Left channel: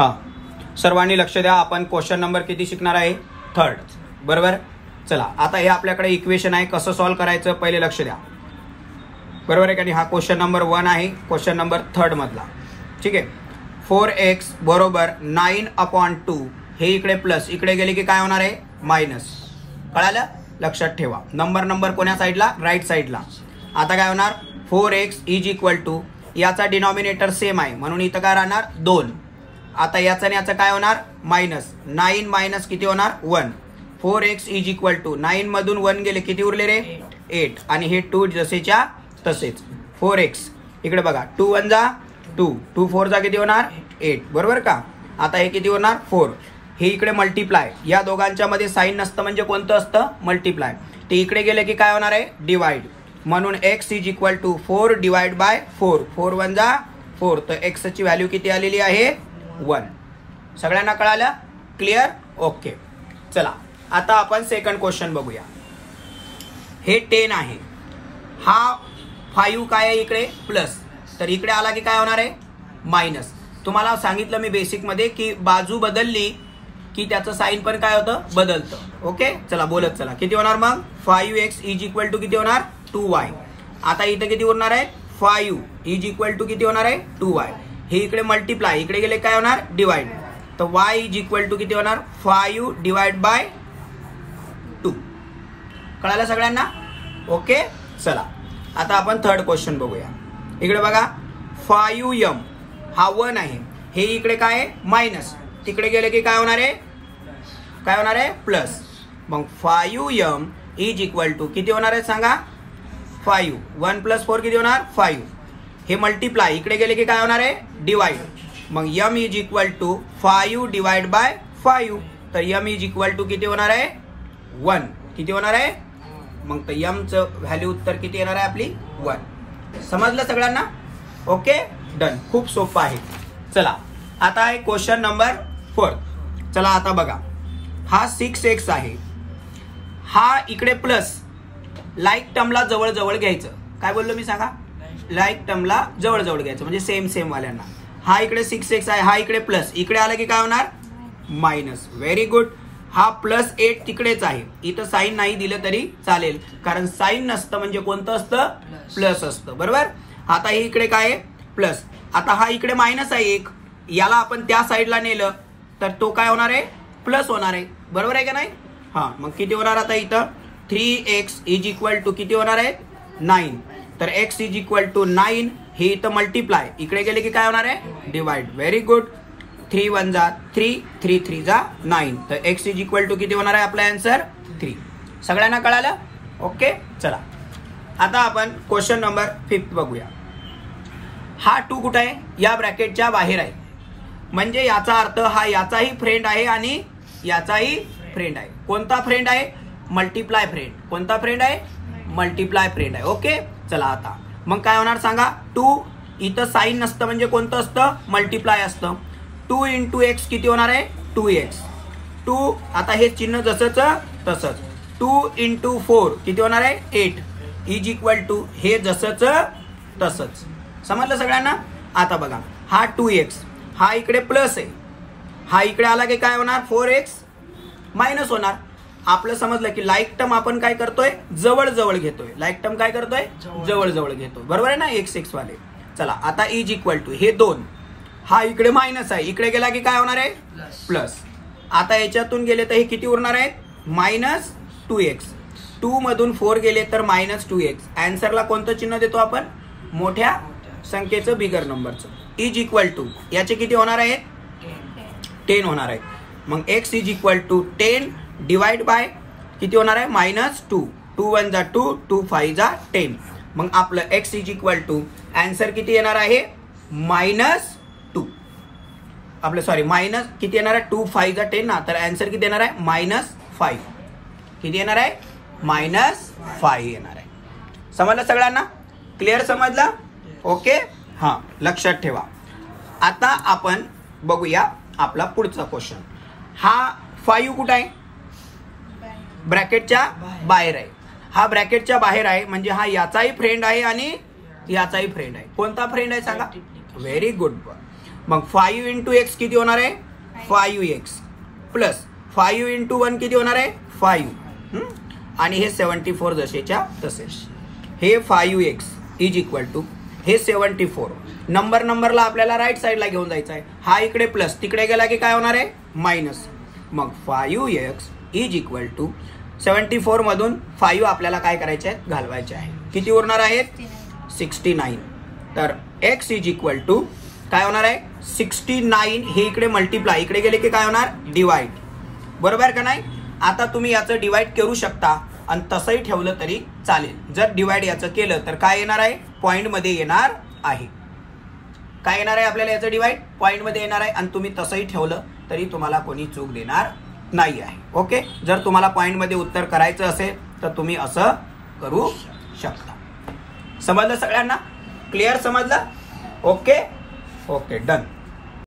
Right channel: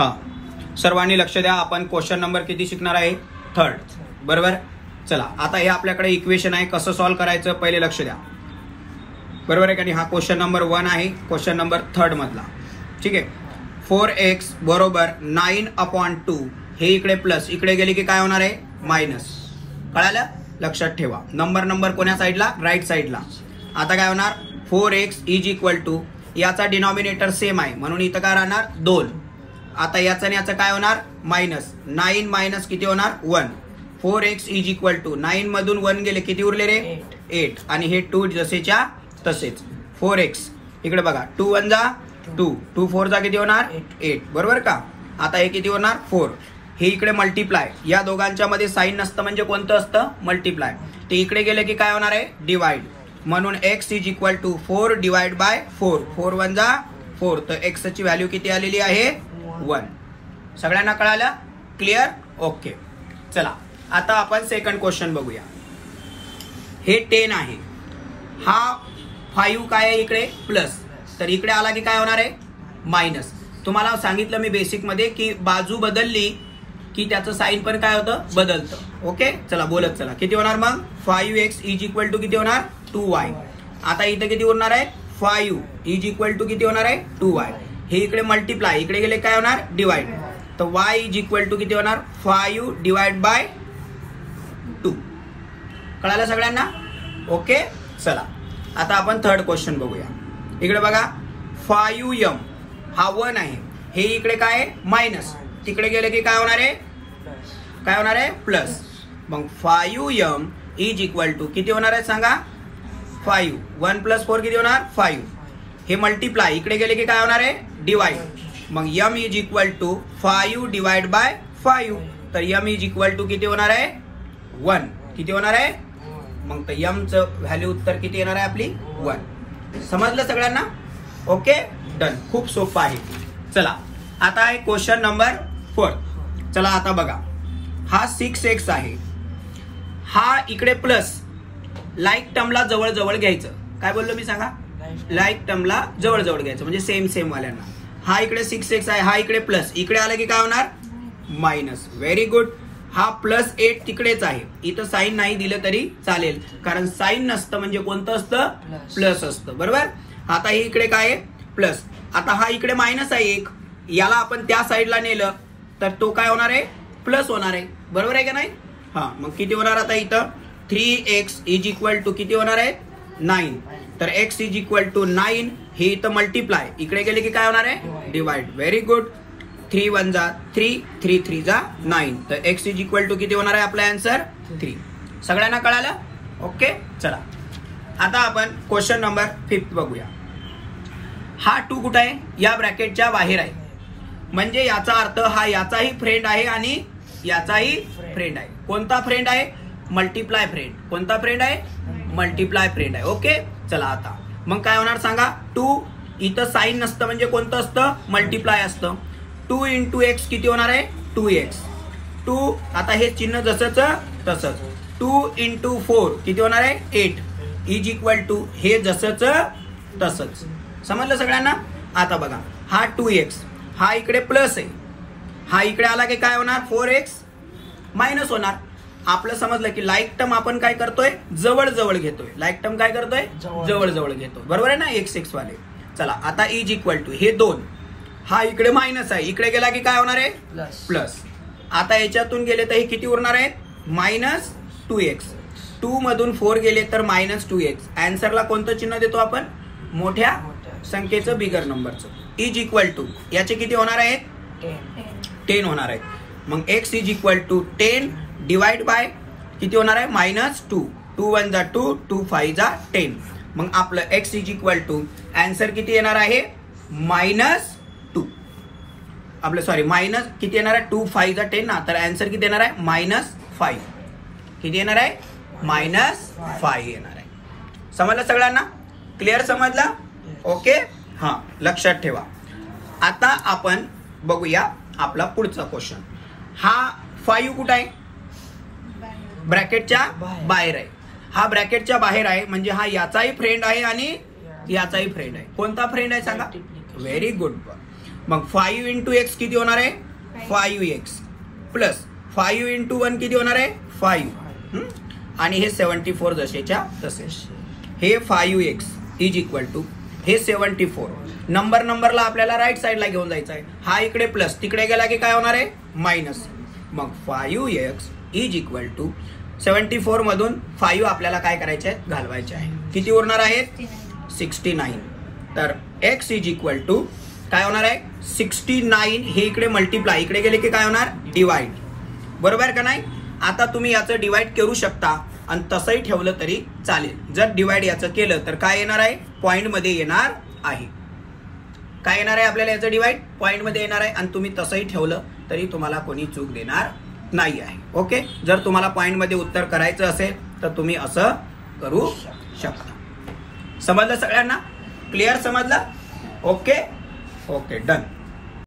हा, सर्वांनी लक्ष द्या. आपण क्वेश्चन नंबर किती शिकणार आहे? 3rd. बरोबर. चला, आता हे आपल्याकडे इक्वेशन आहे, कसं सॉल्व्ह करायचं पहिले लक्ष द्या. बरोबर आहे का? हा क्वेश्चन नंबर 1 आहे, क्वेश्चन नंबर 3rd मधला. ठीक आहे. 4x बरोबर 9/2. हे इकडे प्लस, इकडे गेले की काय होणार आहे? मायनस. कळालं? लक्षात ठेवा. नंबर कोण्या साईडला? राईट साईडला. आता काय होणार? 4x इज इक्वल टू, याचा डिनॉमिनेटर सेम आहे म्हणून इथं काय राहणार? 2. आता याचं आणि याचं काय होणार? मायनस. 9 मायनस किती होणार? 1. 4x इज इक्वल टू 9 मधून 1 गेले, किती उरले रे? 8. आणि हे 2 जसेच्या तसेच. 4x इकडे बघा, 2 1 जा 2, 2 4 जा किती होणार? 8. बरोबर का? आता हे किती होणार? 4. हे इकडे मल्टिप्लाय. या दोघांच्या मध्ये साइन नसतं म्हणजे कोणतं असतं? मल्टिप्लाय. ते इकडे गेले की काय होणार आहे? डिवाइड. म्हणून x is equal to 4 divide by 4. 4 1 जा 4. तर x ची व्हॅल्यू किती आलेली आहे? 1. सगळ्यांना कळालं? क्लिअर? ओके. चला, आता आपण सेकंड क्वेश्चन बघूया. हे 10 आहे, हा 5 काय आहे इकडे? प्लस. तर इकडे आला की काय होणार आहे? मायनस. तुम्हाला सांगितलं मी बेसिक मध्ये की बाजू बदलली की त्याचं साइन पण काय होतं? बदलतं. ओके. चला बोलत चला. किती होणार मग? 5x इज इक्वल टू किती होणार? 2y. आता इथं किती उरणार आहे? 5 इज इक्वल टू किती होणार आहे? 2y. हे इकडे मल्टिप्लाय, इकडे गेले काय होणार? डिवाइड. तर y इज इक्वल टू किती होणार? 5 डिवाइड बाय 2. कळालं सगळ्यांना? ओके. चला, आता आपण थर्ड क्वेश्चन बघूया. इकडे बघा, 5m हा 1 आहे, हे इकडे काय आहे? मायनस. तिकडे गेले की काय होणार आहे? काय होणार आहे? प्लस. मग 5m इज इक्वल टू किती होणार आहे सांगा? 5. 1 प्लस 4 किती होणार? 5. हे मल्टिप्लाय, इकडे गेले की काय होणार आहे? डिवाइड. मग m is equal to 5 divide by 5. तर m इज इक्वल टू किती होणार आहे? 1. किती होणार आहे? मग तर m चं व्हॅल्यू उत्तर किती येणार आहे आपली? 1. समजलं सगळ्यांना? Okay, done. खूप सोपं आहे. चला, आता आहे क्वेश्चन नंबर 4. चला आता बघा, हा 6x आहे, हा इकडे प्लस. लाईक टर्मला जवळ जवळ घ्यायचं. काय बोललो मी सांगा? लाईक टर्मला जवळ जवळ घ्यायचं म्हणजे सेम वाल्यांना. हा इकडे 6x आहे, हा इकडे प्लस. इकडे आलं की काय होणार? मायनस. Very good. हा प्लस 8 तिकडेच आहे, इथं साइन नाही दिलं तरी चालेल, कारण साइन नसतं म्हणजे कोणतं असतं? प्लस असतं. बरोबर. आता हे इकडे काय आहे? प्लस. आता हा इकडे मायनस आहे 1, याला आपण त्या साईडला नेलं तर तो काय होणार आहे? प्लस होणार आहे. बरोबर आहे का नाही? हा, मग किती होणार आता इथं? 3x इज इक्वल टू किती होणार आहे? 9. तर x इज इक्वल टू 9. हे इथं मल्टिप्लाय, इकडे गेले की काय होणार आहे? डिवाइड. Very good. 3 1 जा 3, 3 3 जा 9. तर x इज इक्वल टू किती होणार आहे? आपला आन्सर 3. सगळ्यांना कळालं? ओके. चला, आता आपण क्वेश्चन नंबर 5 बघूया. हा 2 कुठे आहे? या ब्रॅकेटच्या बाहेर आहे, म्हणजे याचा अर्थ हा याचाही फ्रेंड आहे आणि याचाही फ्रेंड आहे. कोणता फ्रेंड आहे? Multiply friend. कोणता फ्रेंड आहे? मल्टिप्लाय फ्रेंड आहे. ओके. चला, आता मग काय होणार सांगा? 2 इथं साइन नसतं म्हणजे कोणतं असतं? मल्टिप्लाय असतं. 2 इंटू एक्स किती होणार आहे? 2x. 2, आता हे चिन्ह जसंच तसंच. 2 इंटू 4 किती होणार आहे? 8 इज इक्वल टू हे जसंच तसंच. समजलं सगळ्यांना? आता बघा, हा 2x, हा इकडे प्लस आहे, हा इकडे आला की काय होणार? 4x मायनस होणार. आपलं समजलं की लाईक टर्म आपण काय करतोय? जवळ जवळ घेतोय. लाईक टर्म काय करतोय? जवळ जवळ घेतो. बरोबर आहे ना? x वाले. चला, आता इज इक्वल टू हे 2, हा इकडे मायनस आहे, इकडे गेला की काय होणार आहे? प्लस. आता याच्यातून गेले तर हे किती उरणार आहे? Minus 2x. 2 मधून 4 गेले तर मायनस 2x. आन्सरला कोणतं चिन्ह देतो आपण? मोठ्या संख्येचं, बिगर नंबरचं. इज इक्वल टू याचे किती होणार आहे? 10 होणार आहे. मग x is equal to 10 divide by किती होणार आहे? मायनस 2. 2 1 जा 2, 2 5 जा 10. मग आपलं x is equal to answer किती येणार आहे? मायनस 2. आपलं सॉरी, मायनस किती येणार आहे? 2 5 जा 10 ना, तर आन्सर किती येणार आहे? मायनस 5. किती येणार आहे? मायनस 5 येणार आहे. समजलं सगळ्यांना? क्लिअर समजलं? ओके. हा, लक्षात ठेवा. आता आपण बघूया आपला पुढचा क्वेश्चन. हा 5 कुठं आहे? ब्रॅकेटच्या बाहेर आहे. हा ब्रॅकेटच्या बाहेर आहे म्हणजे हा याचाही फ्रेंड आहे आणि याचाही फ्रेंड आहे. कोणता फ्रेंड आहे सांगा? Very good. मग 5 इंटू एक्स किती होणार आहे 5x प्लस 5 इंटू 1 किती होणार आहे 5 आणि हे 74 जसेच्या तसे. हे 5x इज इक्वल टू हे 74. नंबरला आपल्याला राईट साईडला घेऊन जायचं आहे. हा इकडे प्लस तिकडे गेला की काय होणार आहे मायनस. मग 5x इज इक्वल टू 74 मधून 5 आपल्याला काय करायचे आहेत घालवायचे आहे. किती उरणार आहेत 69. तर x इज इक्वल टू काय होणार आहे 69. हे इकडे मल्टिप्लाय इकडे गेले की काय होणार डिवाइड. बरोबर का नाही. आता तुम्ही याचं डिवाइड करू शकता आणि तसंही ठेवलं तरी चालेल. जर डिवाइड याचं केलं तर काय येणार आहे पॉइंट मध्ये येणार आहे. काय येणार आहे आपल्याला याचं डिवाइड पॉइंट मध्ये येणार आहे आणि तुम्ही तसंही ठेवलं तरी तुम्हाला कोणी चूक देणार नाही आहे. ओके. जर तुम्हाला पॉइंट मध्ये उत्तर करायचं असेल तर तुम्ही असं करू शकता. समजलं सगळ्यांना क्लिअर समजलं. Okay okay done.